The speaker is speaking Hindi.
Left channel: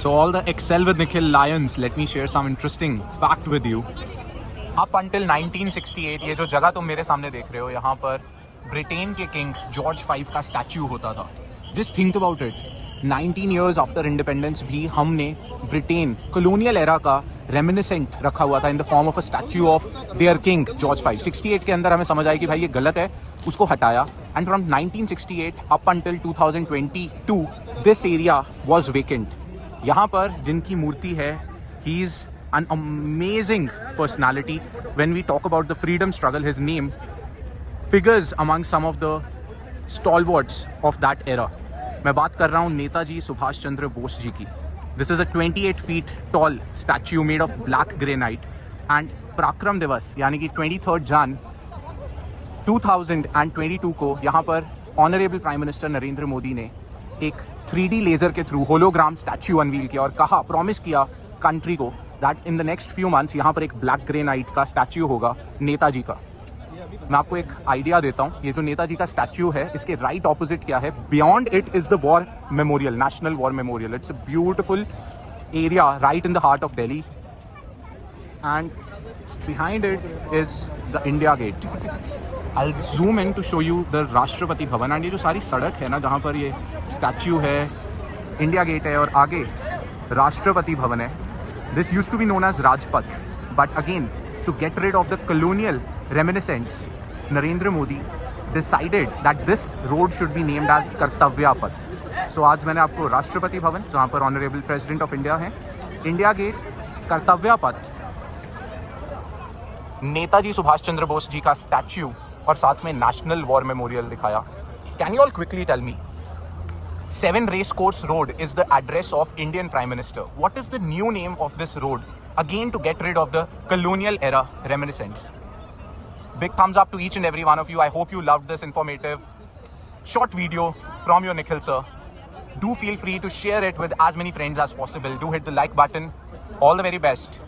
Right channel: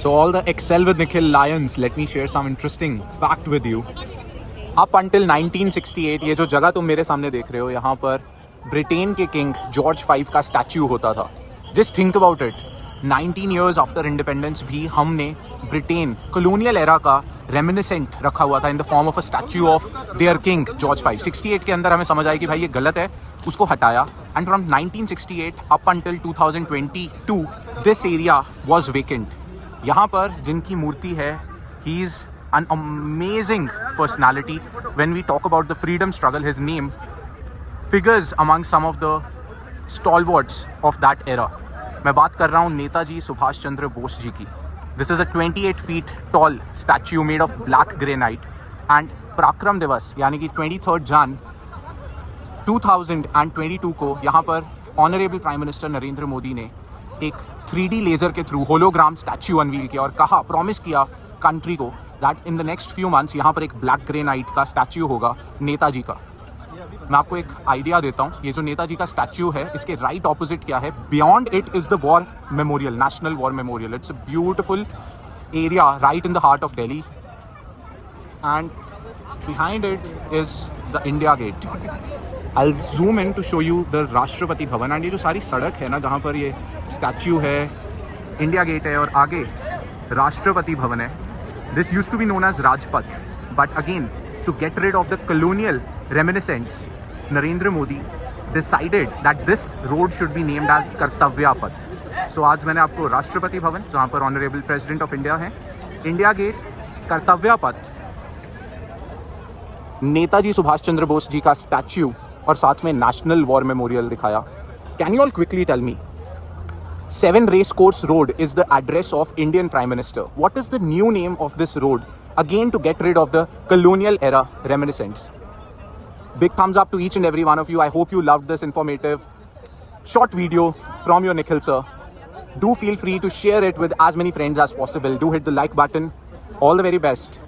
So all the Excel with Nikhil Lions, let me share some interesting fact with you. Up until 1968 ये जो जगह तुम मेरे सामने देख रहे हो, यहाँ पर ब्रिटेन के किंग जॉर्ज 5 का स्टैच्यू होता था. Just think about it. 19 years after independence भी हमने ब्रिटेन colonial era का रेमिनिसेंट रखा हुआ था in the form of a statue of their king George 5. 68 के अंदर हमें समझ आया कि भाई ये गलत है, उसको हटाया. And from 1968 up until 2022 this area was vacant. यहाँ पर जिनकी मूर्ति है, he is an amazing personality. When we talk about the freedom struggle, his name figures among some of the stalwarts of that era. मैं बात कर रहा हूँ नेताजी सुभाष चंद्र बोस जी की. This is a 28 feet tall statue made of black granite. And पराक्रम दिवस यानी कि 23rd Jan 2022 को यहाँ पर honourable prime minister Narendra Modi ने एक 3D लेजर के थ्रू होलोग्राम स्टैच्यू अनवील किया और कहा, प्रॉमिस किया कंट्री को that in the next few months यहाँ पर एक ब्लैक ग्रेनाइट का स्टैच्यू होगा नेताजी का. मैं आपको एक आइडिया देता हूँ. ये जो नेताजी का स्टैच्यू है, इसके राइट ऑपोजिट क्या है? Beyond it is the war memorial, national war memorial. It's a beautiful area right in the heart of Delhi and behind it is the India Gate. I'll zoom in to show you the Rashtrapati Bhavan. And ये जो सारी सड़क है ना जहाँ पर ये स्टैच्यू है, इंडिया गेट है और आगे राष्ट्रपति भवन है. This used to be known as Rajpath, but again to get rid of the colonial reminiscence, Narendra Modi decided that this road should be named as Kartavya Path. सो आज मैंने आपको राष्ट्रपति भवन, जहाँ पर ऑनरेबल प्रेसिडेंट ऑफ इंडिया है, इंडिया गेट, कर्तव्य पथ, नेताजी सुभाष चंद्र बोस जी का स्टैच्यू और साथ में नेशनल वॉर मेमोरियल दिखाया. Can you all quickly tell me, 7 Race Course Road is the address of Indian Prime Minister. What is the new name of this road? Again, to get rid of the colonial era reminiscence. Big thumbs up to each and every one of you. I hope you loved this informative short video from your Nikhil sir. Do feel free to share it with as many friends as possible. Do hit the like button. All the very best.